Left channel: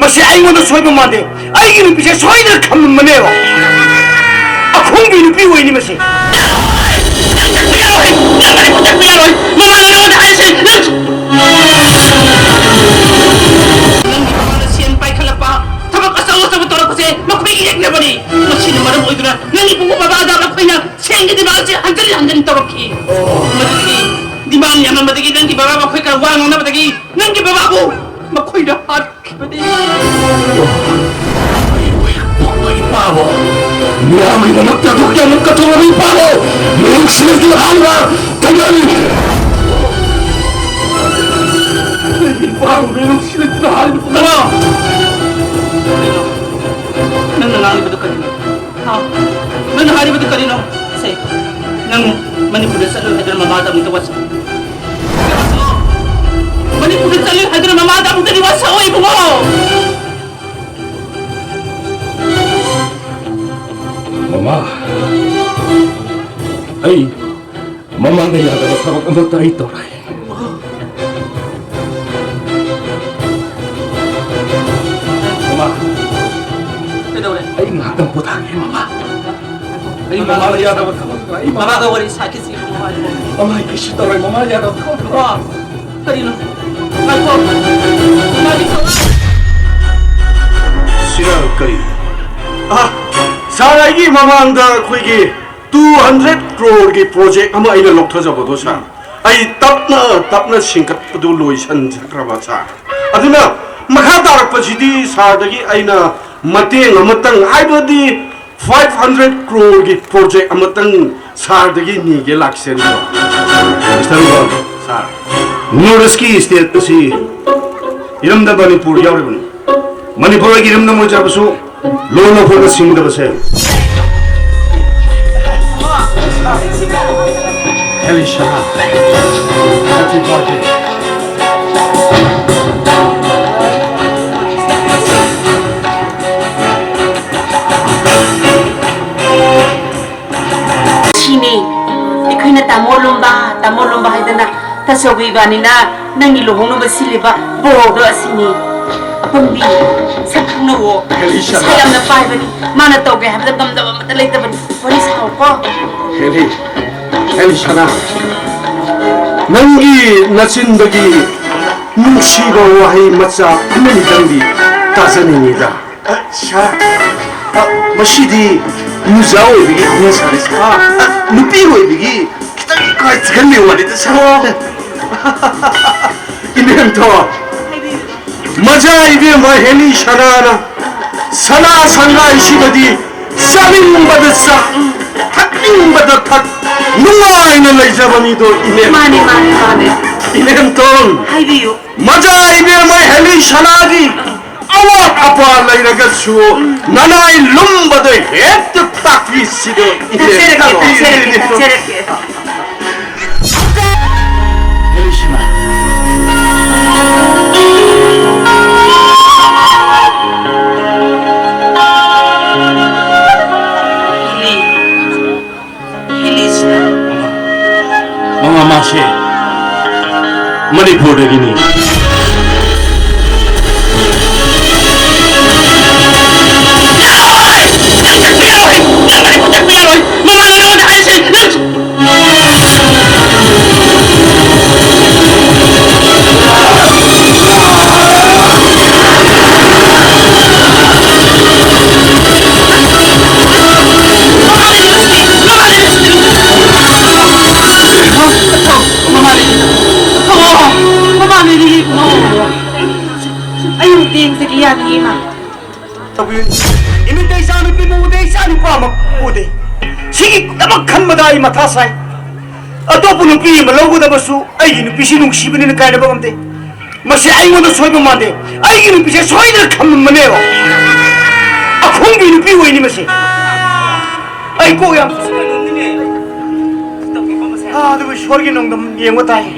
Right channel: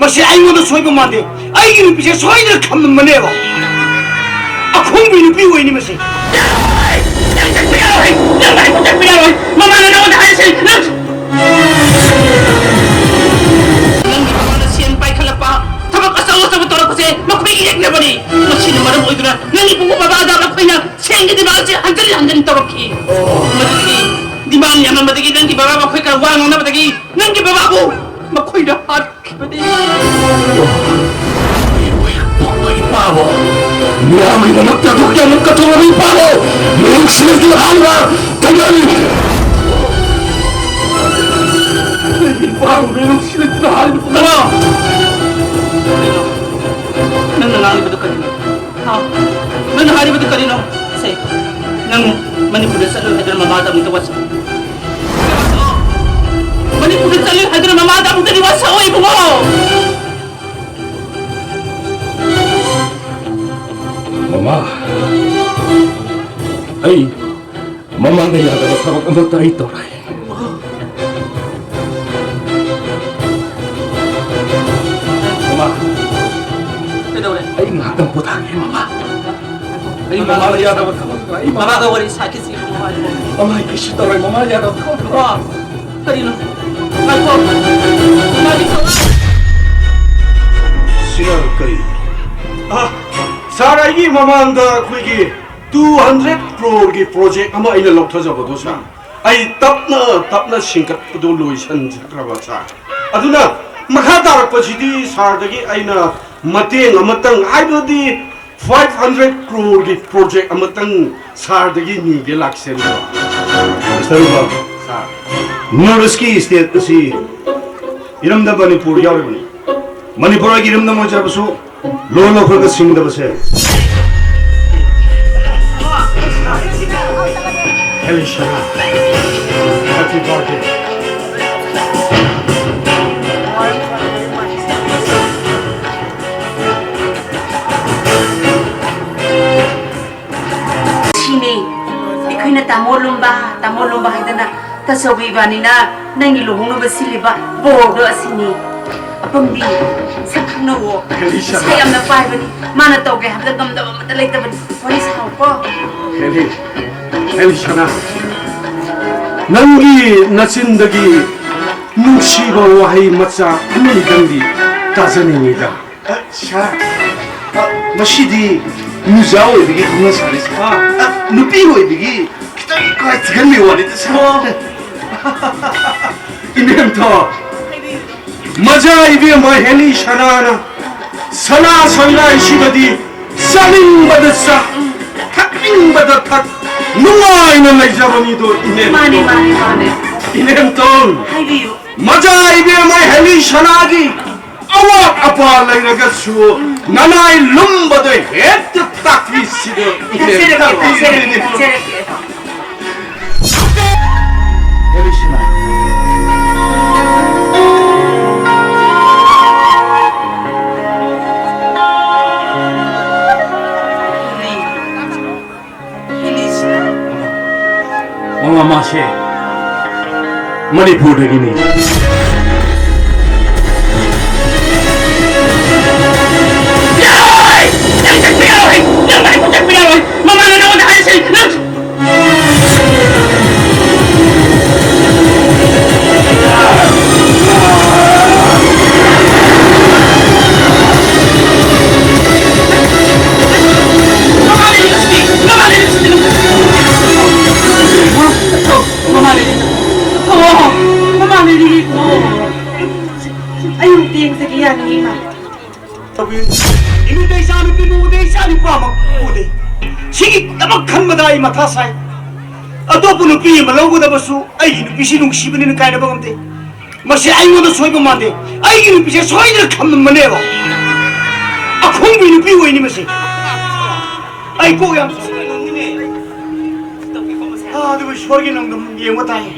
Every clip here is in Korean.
मसे आइगोंदा सोइबा मादे आइगी नुपीसे सोइदना खम्मनेबा अखोंगी नुपी ओइनी मसे Mama, ay, mama na yata na sabag ang tayo ito. Mama, ay ngatang po tayo, mama. Ay, mama na yata na sabag tayo. Mama ka wala sa akin siya mama mo. Mama, ay kisita rin, mama yata na sabag tayo. Kanino? Ay po. Siya kayo. 사라이기 마마한다 그게 200 crore 프로젝트 아마 이날 럭터져보도 사 아이 답나 싱갑도 로이션 자크라바사 아두나 마카다르퍼지디 사다기 아이나 마테 아마땅 아이버디 500 crore 프로젝트 아마땅 사다기 니게 락센도 스타일로 사 뉴르스키 스테이트시 이름다 바니푸르 야르니 머니푸르기 이름나 모자부수 loan offer Singh दबसे Elisha happy birthday 치니 이코이나 따몰롬바 하이드나 다서위바니나 낭이 로홍노바 실리바 보도 아시니 Apun bi sakna wo sayam na paibani mana toge habla damdaba matalay taban police ko 에리샤나 nangi 나친덕이 뭉치고 와이 맞자 한번 단디 따서입니다 샤 마시디 무자오 이게 그냥 살았어 누피고 이게 기타기 거 들리 와리다 사 이면 더 मजा इबे महली शनाना सना संगा इशिबदी सलिंग बदसा हटिंग बदथा नुमाइना लैजबनीदो इने माने इनेन तोन हाइबियो मजा इबे महली शनागी अवाट अपा लैरगसु ननाइ लुम्बदो हेत ताक्विसिदो इने मासे मणिपुर गिनी 이 마타사이 아또분 누피 말로고다 버수 아이 누피시 농시비는 가이다 버금데 마시 아이고도 소이바 마데 아이 누피세 소이들 감만네요 아 공기 누피 오이니 마시 아이 꼬야 아 누구 소르기 농담 예모타이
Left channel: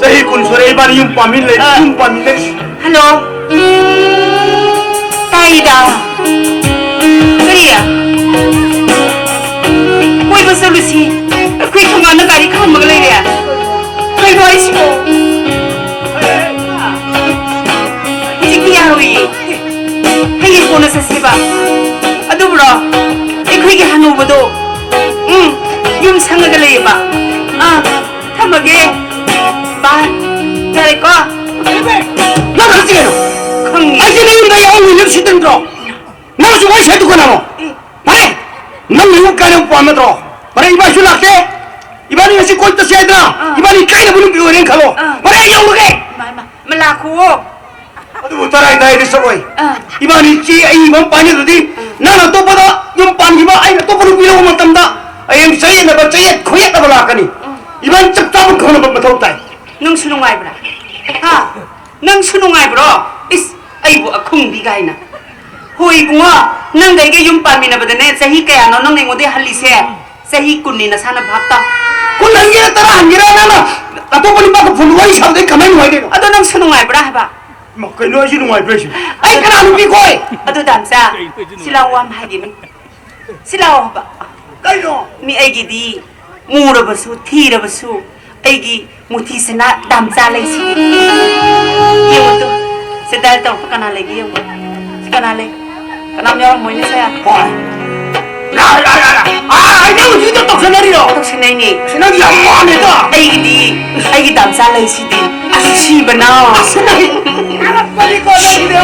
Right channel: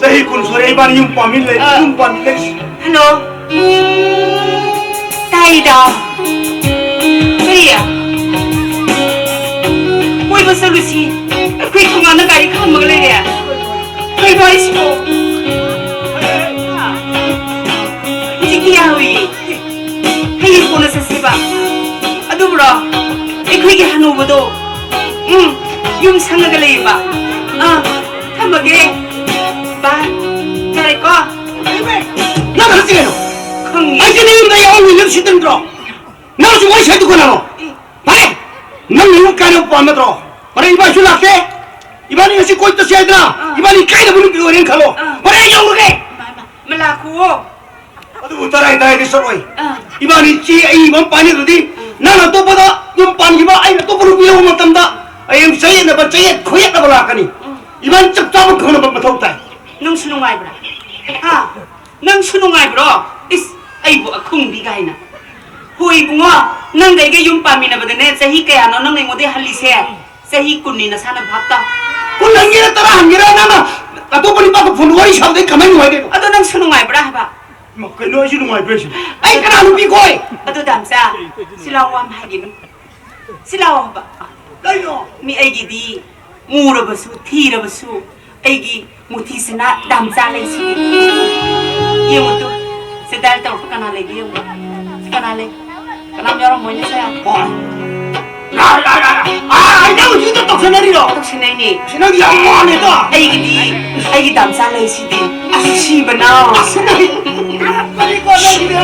सही कुन सोरे बार यूं पामिले हेलो ताईदा करिया कोई बसलुसी कोई थंगाना गाड़ी खाम मगले रे कोई वॉइस को जी किया हुई ꯆꯠꯁꯦꯕ ꯑꯗꯨꯕꯨꯔꯣ ꯑꯩꯈꯣꯏꯒꯤ ꯍꯅꯨꯕꯗꯣ ꯌꯨꯝ ꯁꯪꯉꯒ ꯂꯩꯌꯦꯕ ꯊꯝꯃꯒꯦ ꯕꯥꯏ ꯌꯥꯔꯦꯀꯣ ꯅꯪ ꯍꯧꯖꯤꯛ ꯈꯪꯉꯦ ꯑꯩꯁꯦ ꯅ ꯌꯨꯝꯗ ꯌꯥꯎꯅ ꯂꯦꯞꯁꯤꯗꯟꯗ꯭ꯔꯣ ꯅꯪꯁꯨ ꯋꯥꯔꯤ ꯁꯦꯠꯇꯨꯀꯅꯥꯅꯣ ꯍꯥꯏ ꯅꯪ ꯌꯨꯝ ꯀꯥꯏꯅ ꯄꯥꯝꯅꯗ꯭ꯔꯣ ꯃꯔꯩ 이바ꯁꯨ ꯂꯥꯛꯇꯦ 이바니 ngasi ꯀꯣꯏ ꯆꯠꯁꯦ ꯍꯥꯏꯗꯅ 이바니 ꯀꯥꯏꯅꯕ ꯅꯨꯄꯤ ꯑꯣꯏꯔꯦꯅ ꯈꯜꯂꯣ ꯃꯔꯩ ꯑꯩ ꯌꯧꯔꯒꯦ ꯃꯥ ꯂꯥꯛꯈꯨꯋꯣ ꯑꯗꯨꯕꯨ ꯇꯔꯥꯏ ꯇꯥꯏꯗꯤ ꯆꯠꯂꯣꯏ 이바니 ꯆꯦ ꯑꯩ ꯏꯃꯝ ꯄꯥꯏꯅꯗ꯭ꯔꯗꯤ ꯅꯪ ꯑꯇꯣꯞꯄꯗ ꯌꯨꯝ ꯄꯥꯟꯈꯤꯕ ꯑꯩꯅ ꯑꯇꯣꯞꯄ ꯅꯨꯄꯤ ꯂꯧꯕ ꯃꯇꯝꯗ ꯍꯌꯦꯡ ꯆꯌꯦꯠꯅꯕ ꯆꯌꯦꯠ ꯈꯣꯌꯦꯠꯅꯕ ꯂꯥꯛꯀꯅꯤ 이바니 ꯆꯞ ꯆꯥꯕ ꯈꯪꯅꯕ ꯃꯊꯧ ꯇꯥꯏ ꯅꯪꯁꯨ ꯅꯨꯡꯉꯥꯏꯕ꯭ꯔꯥ ꯅꯪꯁꯨ ꯅꯨꯡꯉꯥꯏꯕ꯭ꯔꯣ ꯏꯁ ꯑꯩꯕꯨ ꯑꯈꯨꯡꯕꯤ ꯀꯥꯏꯅ ꯍꯣꯏ ꯏꯕꯨꯡꯉꯣ ꯅꯪꯒ ꯑꯩꯒ ꯌꯨꯝ ꯄꯥꯟꯃꯤꯟꯅꯕꯗꯅꯦ ꯆꯍꯤ ꯀꯌꯥꯅꯣ ꯅꯪꯅ ꯑꯩꯉꯣꯟꯗ ꯍꯜꯂꯤꯁꯦ ꯆꯍꯤ 10ꯅꯤ ꯅꯁꯥꯅ ꯚꯥꯞ ꯇꯥꯎ ꯀꯨꯟ ꯍꯟꯒꯦꯔꯥ ꯇꯔꯥ ꯍꯟꯒꯦꯔꯥ ꯅꯪꯅ ꯑꯇꯣꯞꯄ ꯅꯨꯄꯥꯒ ꯐꯣꯟ ꯋꯥꯔꯤ ꯁꯥꯕꯗꯩ ꯀꯃꯥꯏꯅ ꯅꯨꯡꯉꯥꯏꯗꯣꯏꯅꯣ ꯑꯗꯣ ꯅꯪꯁꯨ ꯅꯨꯡꯉꯥꯏꯕ꯭ꯔꯥ ꯍꯥꯏꯕ ꯀꯩꯅꯣ ꯑꯩꯁꯨ ꯅꯨꯡꯉꯥꯏꯕ꯭ꯔꯥ ꯍꯥꯏꯁꯦ ꯑꯩ ꯀꯅꯥ ꯅꯨꯄꯤ ꯀꯣꯏ ꯑꯗꯨ ꯗꯥꯝꯆꯥ ꯁꯤ ꯂꯥꯎ ꯋꯥ ꯑꯃ ꯍꯥꯏꯒꯦꯅꯤ ꯁꯤ ꯂꯥꯎ ꯍꯥꯏꯕ ꯀꯩꯅꯣ ꯃꯤ ꯑꯩꯒꯤꯗꯤ ꯃꯨꯔꯕꯁꯨ ꯊꯤꯔꯕꯁꯨ ꯑꯩꯒꯤ ꯃꯨꯊꯤꯁꯤꯅ ꯗꯥꯝꯆꯥ ꯂꯩꯁꯤꯗꯤ ꯌꯦꯡꯉꯨꯇꯨ ꯁꯤ ꯗꯥꯏꯜ ꯇꯧꯔꯛꯄ ꯀꯅꯥ ꯂꯩꯒꯦ ꯌꯦꯡꯉꯨ ꯀꯅꯥ ꯂꯩ ꯀꯅꯥꯝ ꯌꯥꯎꯔꯝꯃꯣꯏꯅꯦ ꯁꯦ ꯍꯣꯏ ꯑꯩꯅ ꯍꯧꯖꯤꯛꯇ ꯇꯧꯁꯟꯅꯔꯤꯔꯣ ꯇꯧꯁꯤꯟꯅꯩꯅꯦ ꯅꯪ ꯌꯥꯝ ꯋꯥꯅꯦꯗ ꯑꯩꯒꯤ ꯗꯥꯝꯆꯥ ꯂꯩꯁꯤꯗꯤ ꯑꯁꯤꯕꯅ ꯑꯉꯛꯄꯅꯤꯀꯣ ꯅꯪꯒꯤꯗꯤ